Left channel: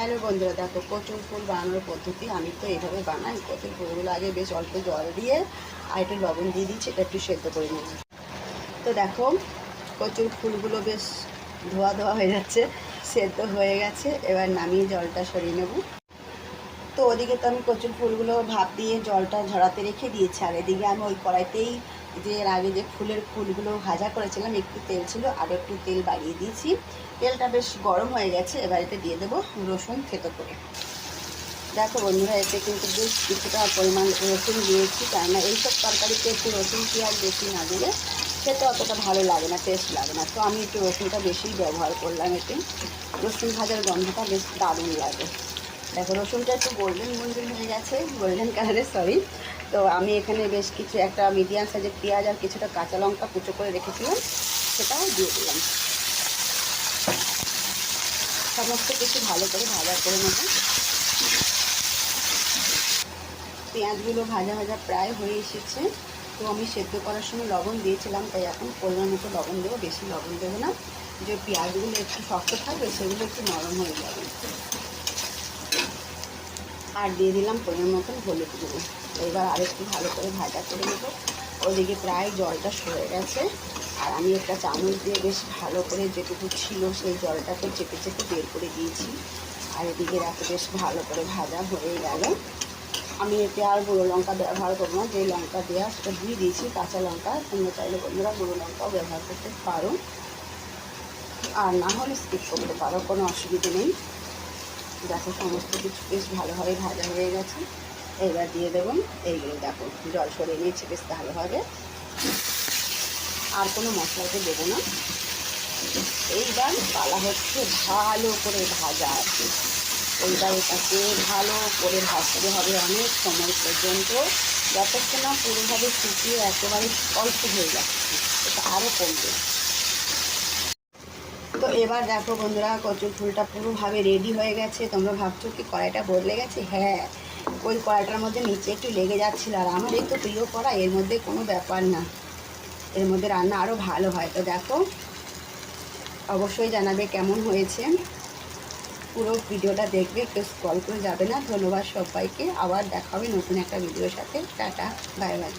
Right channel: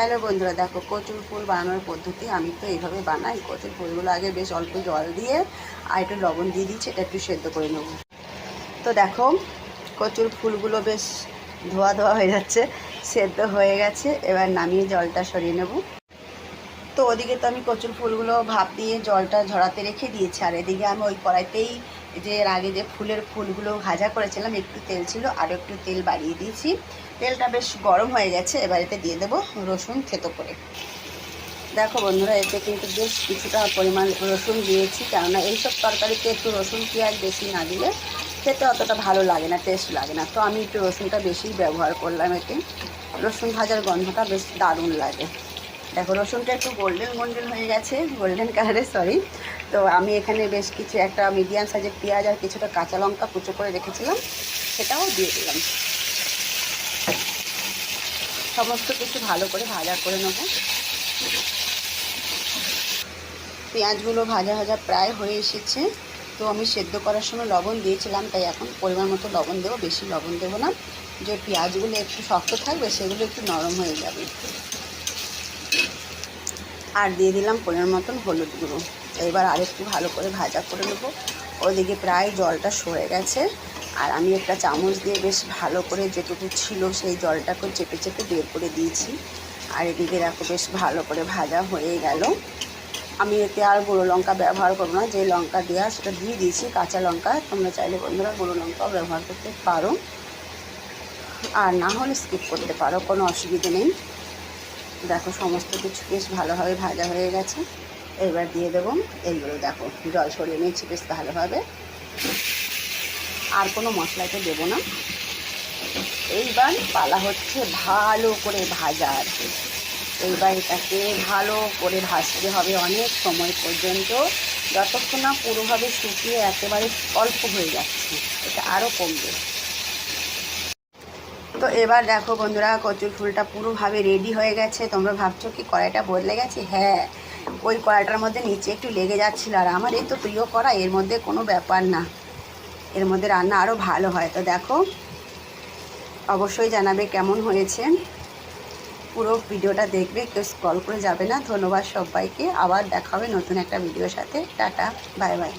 Hello বন্ধুরা, দেখো কচুর ফুল বানানোর পদ্ধতি। আমি তো এইভাবে বানাই। কচুর ফুলগুলো আগে বেশ অল্প জল দিয়ে আর একটু লবণ দিয়ে দিচ্ছি, এটা একটু সেদ্ধ করে নেব। তো দেখো কচুর ফুলগুলো বেশ ধোয়া ধোয়া হয়ে যাচ্ছে, সেদ্ধ হয়ে গেছে। এবার নামিয়ে জলটা সরিয়ে নেব। তো ওদিকে তো আমি কচুর ফুলগুলো ভাপ দিয়ে জলটা ঝরাতে রেখে দিয়েছি, আর এদিকে আমি ওই কড়াইতেই যে এর আগে যে ফুলগুলো ভাজা করেছিলাম, একটু তেল ছিল আর একটু তেল বাড়িয়ে দিয়েছি। তেলটা বেশ গরম হয়ে গেছে। এবার এতে দিয়ে দেবো রসুন থেতো করে। দেখো বন্ধুরা, এতে কিন্তু বেশ কিছুটা পরিমাণ রসুন দিয়েছি, কেননা এইসব তরকারিতে একটু রসুন পেঁয়াজ বেশি না দিলে খেতে অতটা ভালো লাগে না, টেস্ট লাগে না। তো আমি একটু রসুনটা বেশিই ব্যবহার করলাম। এতে রসুন ভাজার গন্ধটা বেশ দারুণ লাগে। দেখো রসুনটা একটু গোল্ডেন হয়ে গেছে, গোল্ডেন কালারের, সরি। তো আমি এখানে বেশ কিছু একটা মিডিয়াম সাইজের পেঁয়াজ আর কিছুটা কাঁচা লঙ্কা কুচো করে রেখেছিলাম, সেটাও দিয়ে দিলাম। সমস্ত কিছু ভালো করে ভাজা করে নেব। পেঁয়াজগুলো ভাজা ভাজা প্রায় হয়ে এসেছে। তো আমি সেদ্ধ করার সময় লবণ দিয়েছিলাম, তাই এখন পরিমাণ মতো লবণ দেবো, বেশি লবণ দেবো না। যে পেঁয়াজগুলো একটু শক্ত থাকবে সেগুলো একটু নরম হয়ে যাবে। আর দিয়ে দিলাম পরিমাণ মতন হলুদ গুঁড়ো। এবার আরেকটু ভালো করে ভাজা করে নেবো। ওদিকে প্রায় জলটা সরে গেছে, আর আমি একটা চামচ দিয়ে বেশ ভালো করে যেটুকু ছিল সেই জলটাকে চেপে চেপে বের করে দিয়েছি। আর এদিকে দেখো বেশ ভালো করে ভাজা হয়ে গেল। আমি এতে আর গুঁড়ো লঙ্কা ব্যবহার করবো না, যে লঙ্কা দেওয়া সেটা দিয়ে দিয়েছি, কাঁচা লঙ্কা। তোমরা চাইলে বন্ধুরা গুঁড়ো লঙ্কাও ব্যবহার করতে পারো, আর না হলে স্কিপ করতে পারো, কোনো অসুবিধে নেই। দেখো সমস্ত কিছু বেশ ভালোভাবে ভাজা হয়ে গেছে। এবার দিয়ে দেবো এইগুলো। দেখো জল সরিয়ে নিয়েছি বেশ ভালোভাবে, আর কোনো মশলাতে দেবো না। এইবার পালা হচ্ছে ভালো করে ভাজা আছে। এইবার এটাকে ভালো করে ভাজতে হবে অনেক সময় পর্যন্ত, যতক্ষণ না পুরোভাবে শুকিয়ে একেবারে অল্প হয়ে যাচ্ছে, এটা আরও কমবে। তো এবার দেখো বন্ধুরা, কচুর ফুলটা পুরোভাবে রেডি হয়ে গেছে। তোমরা ভাবছো কি কড়াইটা বদলে গেছে? হ্যাঁ, ওই কড়াইটার মধ্যে নিচে একটু লেগে যাচ্ছিল, আর আমার এই তো প্রিয় কড়াই, এর মধ্যে কোনো ব্যাপার না, এর মধ্যে রান্না আরও ভালো হয়। তো দেখো অবশ্যই জানাবে কেমন হয়েছে। পুরো ভিডিওটা দেখবে, কেউ স্ক্রল করে যাবে না। ধন্যবাদ সবাইকে। আবার দেখা হবে নতুন একটা ভিডিওর সাথে। Tata, bye bye.